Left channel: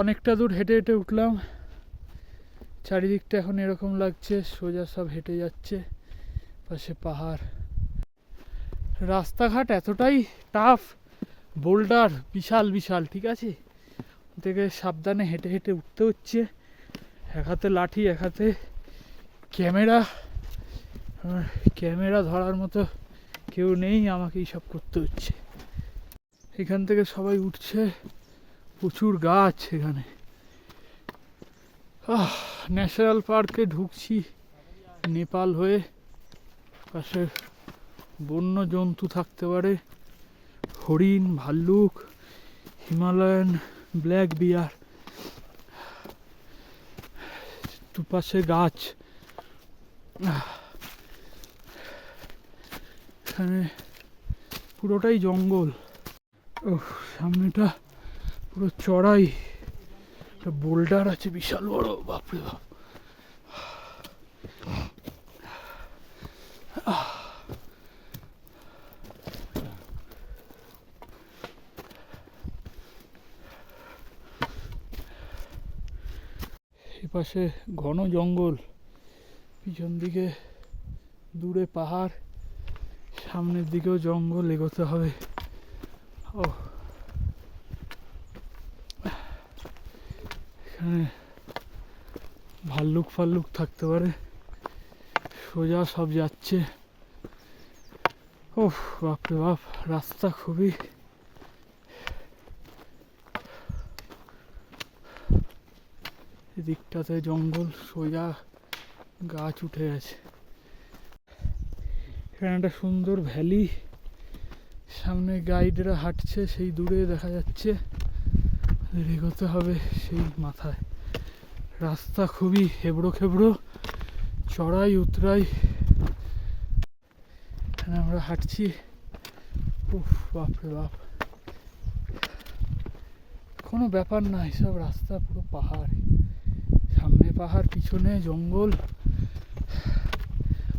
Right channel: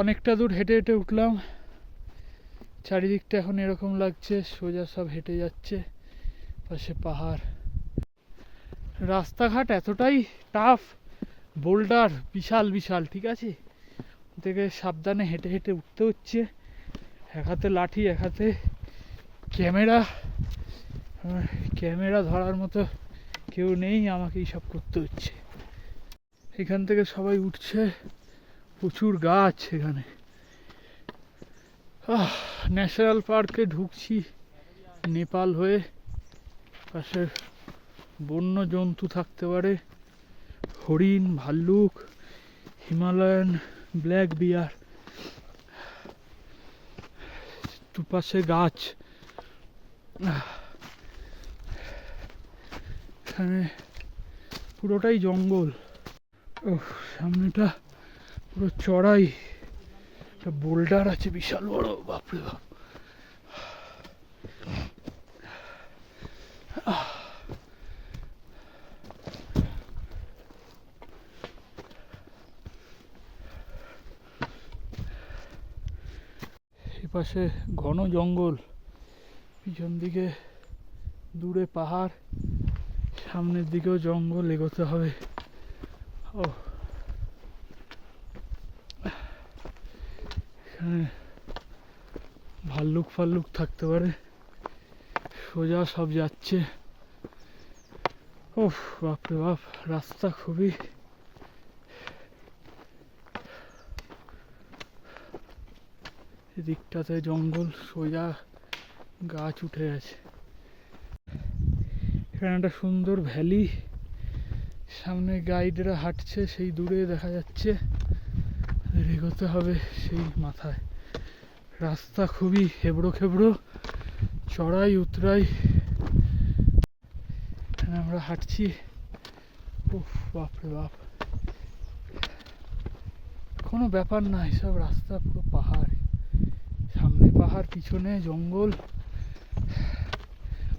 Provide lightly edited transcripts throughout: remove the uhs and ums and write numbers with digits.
অনেকটা দূর হেঁটে হেঁটে উঠলাম। চারিদিকটা এখন এরকম লাগছে, সোজা সব হেঁটে যাচ্ছে, পাশে পাহাড়। রাস্তাঘাট এতটাই টাফ, বোল্ডার বিশাল বিশাল, ঠিক আছে, থেকে সাবধানে হেঁটে হেঁটে উঠতে হচ্ছে। এক হাতে লাঠি, এক হাতে ক্যামেরা। ক্যামেরা ধরার মতো কেউ নেই, আমাকেই সব করতে হচ্ছে। এখান থেকে সবাই উঠছে, প্রচুর গাছ এখানে। ন্যাশনাল পার্কে ঢুকছি নেপাল হয়ে। পাশে বন্য জন্তু থাকতে পারে, হরিণ, ভাল্লুক, হিমালয়ান ব্ল্যাক বিয়ার। দুপাশে গাছ। এখানে পুরোটাই জঙ্গল। সামনেটা পুরো চড়াই, একটা বোল্ডার আছে বিশাল বড়, বাপরে বাপ। এপাশে ঘন জঙ্গল, পিছন দিকে দূরে পাহাড়, সামনের দিকেও জঙ্গল, এগোতে হবে। এখানে ভাল্লুক ফাল্লুক থাকতে পারে। সোজা সব যাচ্ছে। বাপরে বাপ, রাস্তা খুবই, এদিকটাতে জঙ্গল, সোজা গাছ উঠে আছে। এখানে একটা সুন্দর ভ্যালি, সামনে গাইডরা হাঁটছে, সেই দূরে দেখা যাচ্ছে। এগোতে হবে সেই মাথায়। রাস্তা খুবই হেবড়ো খেবড়ো, চড়াই উতরাই। এখানে আমরা হাঁটছি। বাপরে বাপ, কোনো ব্যাপার না, এসব রাস্তা পুরো পাহাড়, সামনে পাহাড়, পিছনে জঙ্গল।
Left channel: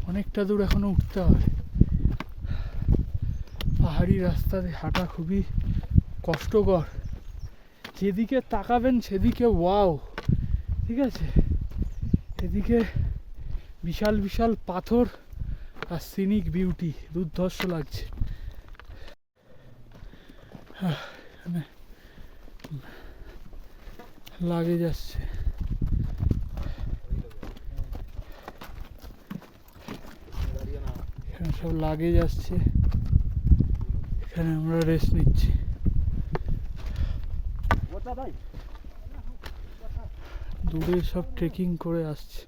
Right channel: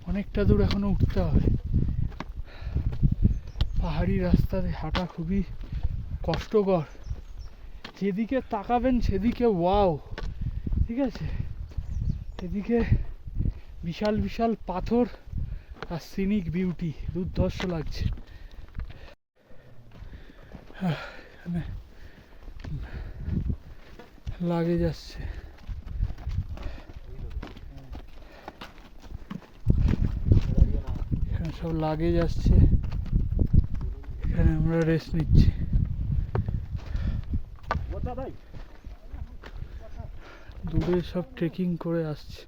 অনেকটা দূর এখনো উঠতে হবে। পাহাড়ি রাস্তাতে হাঁটা খুবই কষ্টকর। যেদিকে তাকাবেন সেদিকে ওয়াও, ঠিক আছে, এদিকে বিশাল বিশাল পাথর আর সিনিক বিউটি, দুর্ধর্ষ লাগছে। এখানে লাগেজ আসছে, এখানে সব লাগেজ আসছে। এখানে আমরা রেস্ট নিচ্ছি। দূরে সব ট্রেকিং করে আসছে।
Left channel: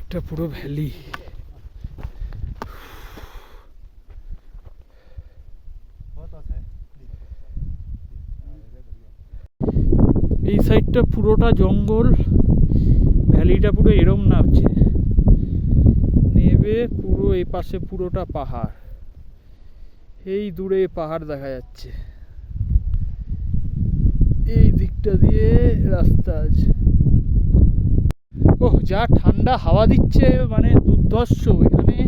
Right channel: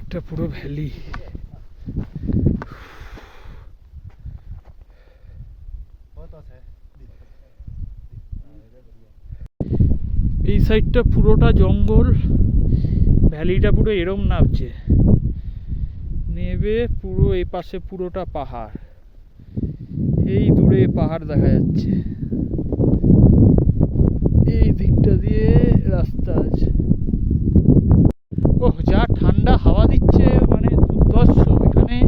একটা পুরো ভ্যালি। এই সাইডটা পুরোটা জঙ্গল, ভ্যালিটা পুরো এরম নামছে, নেবে পুরো এই পাশে পুরোটা পাহাড়। এই দূরে পাহাড় দেখা যাচ্ছে, এই দিকটা দিয়ে রাস্তা আছে। যা ঠান্ডা হাওয়া দিচ্ছে, মানে দুর্ধর্ষ। এখানে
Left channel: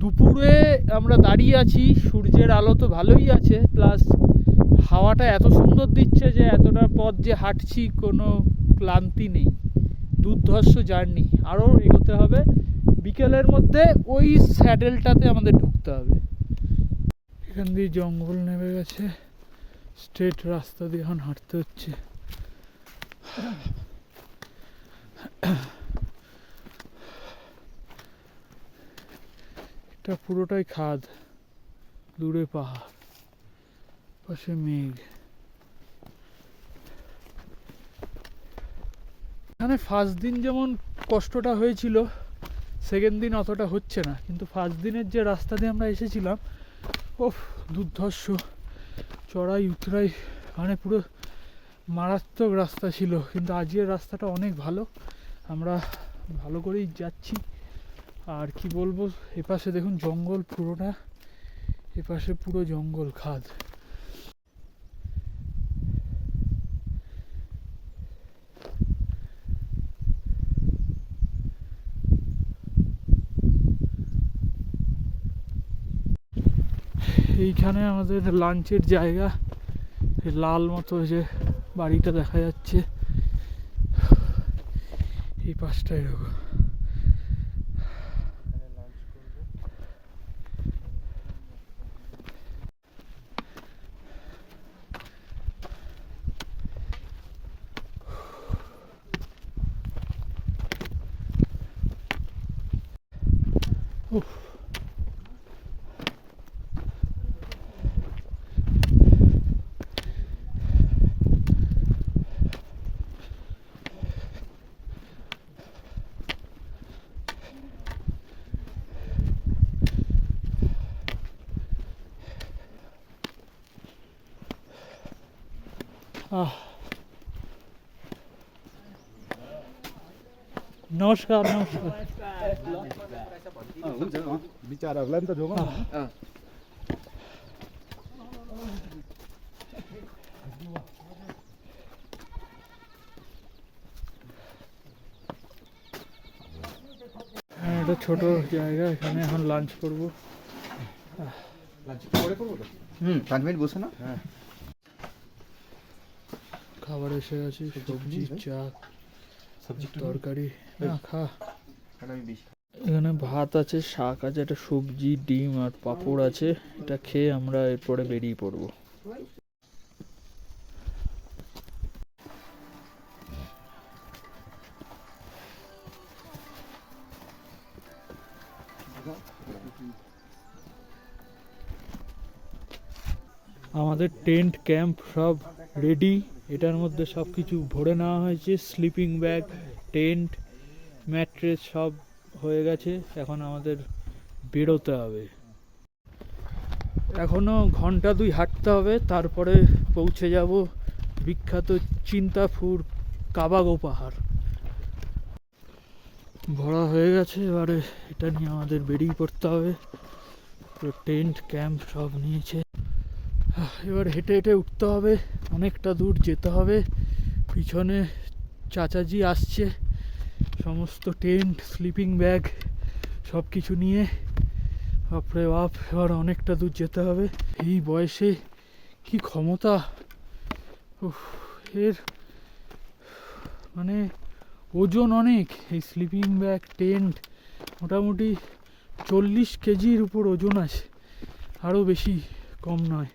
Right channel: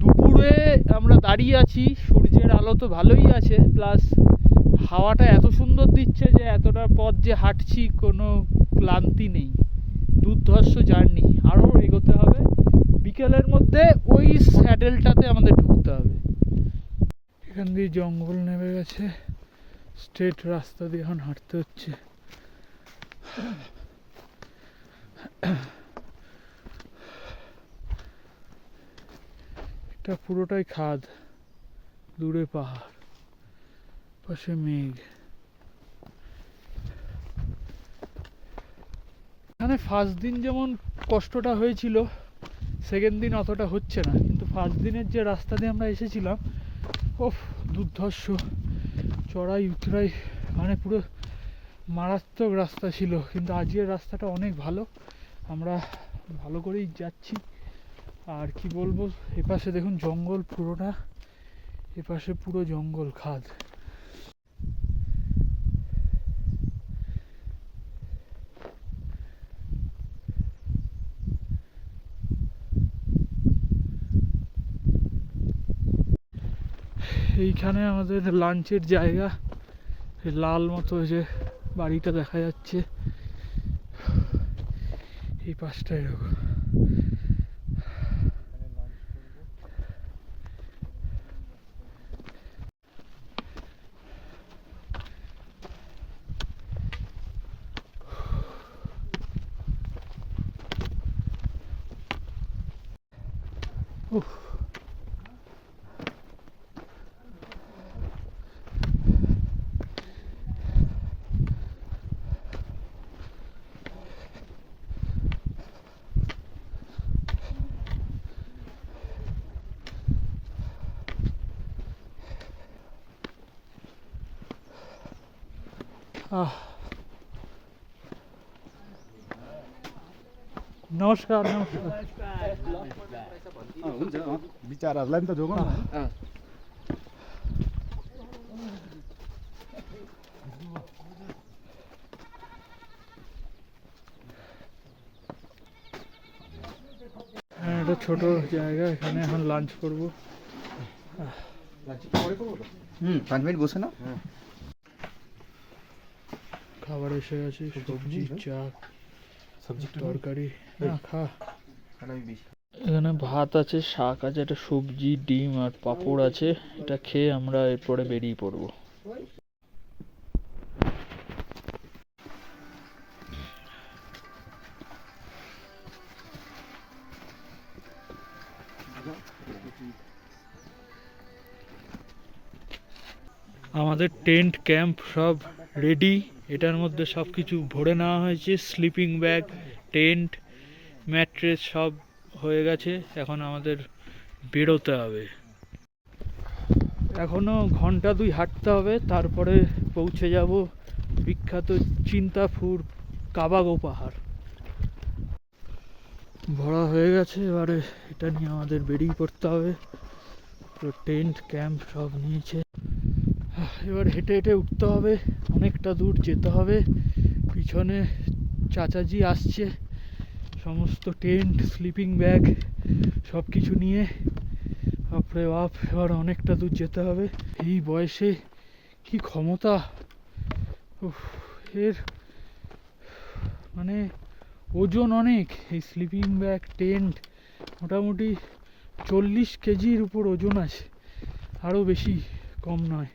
দুপুরে আমরা দাঁড়িয়ে আছি, সূর্যের আলো তো ভালোই আছে, প্লাস হাওয়াটা এত সুন্দর দিচ্ছে যে এতটা পথ যে হাঁটছি কোনো ক্লান্তি নেই। দুর্ধর্ষ জার্নি, আরও এগোতে হবে। বিকেলের মধ্যে ওই স্যাডেলটাতে আমাদের ঢুকতে হবে। এখান দিয়ে জঙ্গল নেমে গেছে, স্ট্রেট রাস্তা দিয়ে এখন হাঁটতে হচ্ছে। এটা পুরোটাই খাদ, দূরে পাহাড়, পাশে মেঘ। এখানে ফার্স্ট দিন যেমন কষ্টটা হয়েছিল, সেকেন্ড দিন অতটা হচ্ছে না। কিন্তু ফার্স্ট দিনের যে রাস্তা দিয়ে আমরা এসেছিলাম, দুর্ধর্ষ, চড়াই উতরাই, মানে পুরো মারাত্মক রাস্তা ছিল। কিন্তু আজকের রাস্তাটা অনেক ভালো, আমরা ভালো করেই যাচ্ছি। আর কি বলবো, এপাশে দেখুন জঙ্গল পুরোটা, এপাশে পুরো জঙ্গল, খাদ। এইখানে আমাদের লাঞ্চের জায়গা, এই লাল মতো যে বাড়িটা দেখা যাচ্ছে, এই পাশটা এরকম। উফ, আহ, नमस्कार नमस्कार। हुन्छ विचारहरूलाई नि त जोगाउँ न। একটা ছোট জায়গা, এখানে এখন লাঞ্চ করব। 5 মিনিট বসে না। খাবার এসে গেছে, সবজি, চা, তরকারি। না খা। এখানে ভাত আছে, শাক আছে, একটা সবজি, ডিম আর পাঁপড় আছে। এটা খেয়ে আমরা এরপরে বেরিয়ে পড়বো। আমাদের টেন্ট ক্যাম্প সব রেডি। এটার মধ্যে সব কিছু ভরে নেওয়া হয়েছে, স্লিপিং ব্যাগ, টেন্ট, ম্যাট্রেস সব হয়ে গেছে। এখন আমাদের বেরোতে হবে। এখনো ঘন্টা 2 হাঁটতে হবে, তারপরে পৌঁছে যাব বিখ্যাত চিন্তাপুর কাবাগো পাহাড়। ভরা হয়ে গেছে, এবারে এটা নিয়ে আমাদের বেরিয়ে পড়তে হবে। টেন্ট ক্যাম্প সব নিয়েছে। এবার হেঁটে হেঁটে উঠতে হবে, অনেকটা দূর যেতে হবে। পিছনে চাচাজি আসছে সমস্ত টেন্ট, স্লিপিং ব্যাগ সব কিছু নিয়ে। বাপরে বাপ, এবার অনেকটা দূর যেতে হবে। এই বয়সে কি ক্ষমতা! এর মানে ওজন অনেক। এই স্লিপিং ব্যাগ, টেন্ট মোটামুটি 40 কেজির উপর ওজন আছে, আরও বেশি, কম নয়।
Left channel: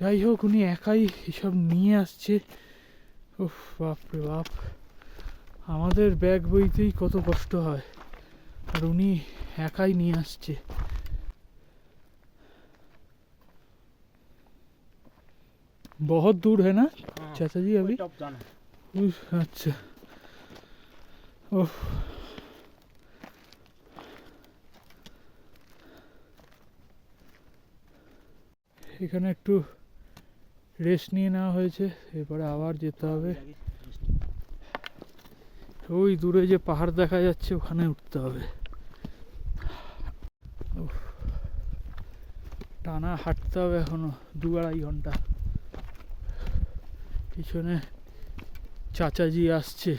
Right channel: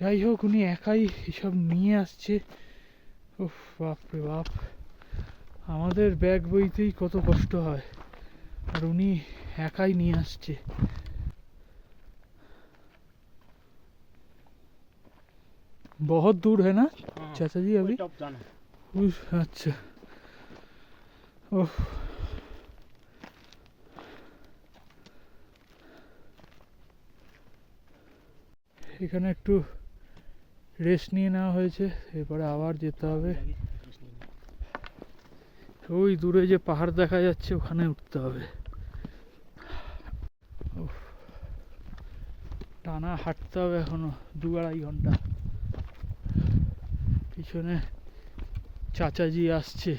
যাই হোক, উনি একাই এসব নিয়ে আসছে। উফ, বাপরে বাপ, আমাদের ব্যাগ বইতেই কত কষ্ট হয়, আর উনি একাই নিয়ে আসছে। बहुत दूर है ना चाचा जी अभी? अच्छा, ओह, এখানে একটু রেস্ট নিয়ে নেওয়া হয়েছে, এরপরে আবার যেতে হবে। ওই দূরে যে পাহাড় দেখা যাচ্ছে ওখানে উঠতে হবে। টানা হাঁটতে হবে এখনো 2-2.5 ঘন্টা। পিছনে চাচাজি আসছে।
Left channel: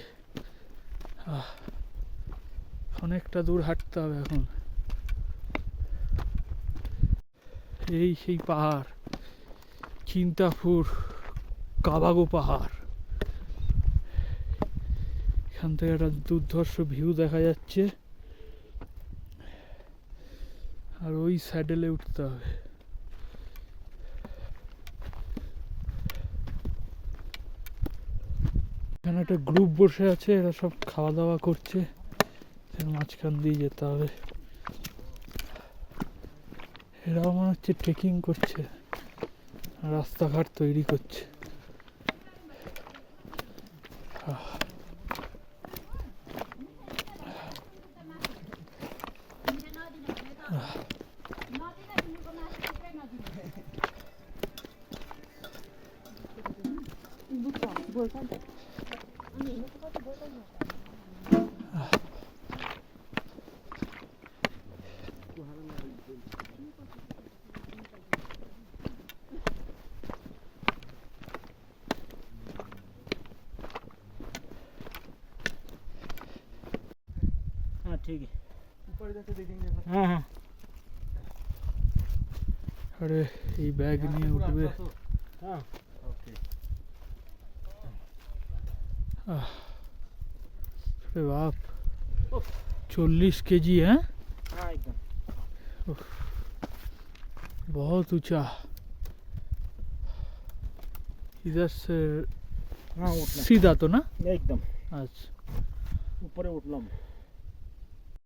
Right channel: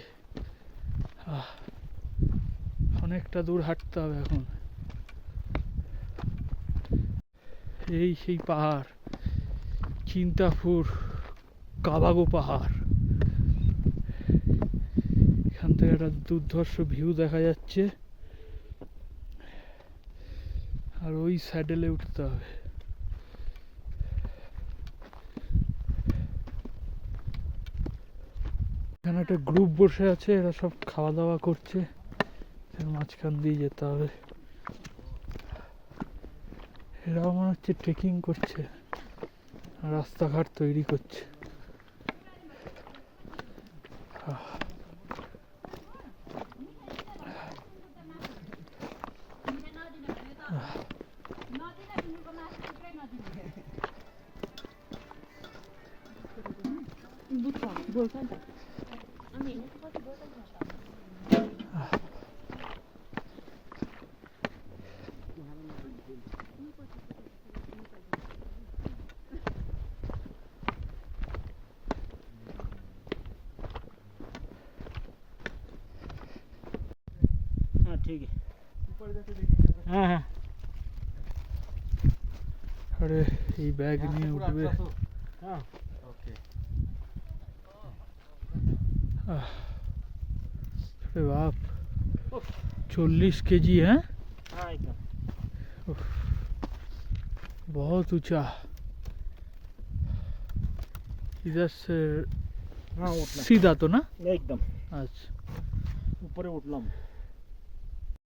অনেকটা দূর হাঁটতে হবে এখন। এই সেই পাহাড়, চিন্তাপুর কাবাগো পাহাড়। এখান থেকে একটা দুর্ধর্ষ ভিউ দেখা যাচ্ছে, আর ওই স্যাডেলে উঠতে হবে। এখানে একটা গ্রুপ বসে আছে, এরা সব খাওয়া দাওয়া করছে। মাঝখান দিয়ে যেতে হবে। এরাও মনে হচ্ছে ট্রেকিং করছে, রাস্তাঘাট তৈরি করছে। हाँ ठीक है, हाँ हाँ। अरे ये बैग नहीं उठबे हाँ अरे बाप 40 केजी है हाँ एकदम बहुत ऊंचा इधर से हाँ उठना सीधा तो ना एकदम अच्छा ऊपर उठना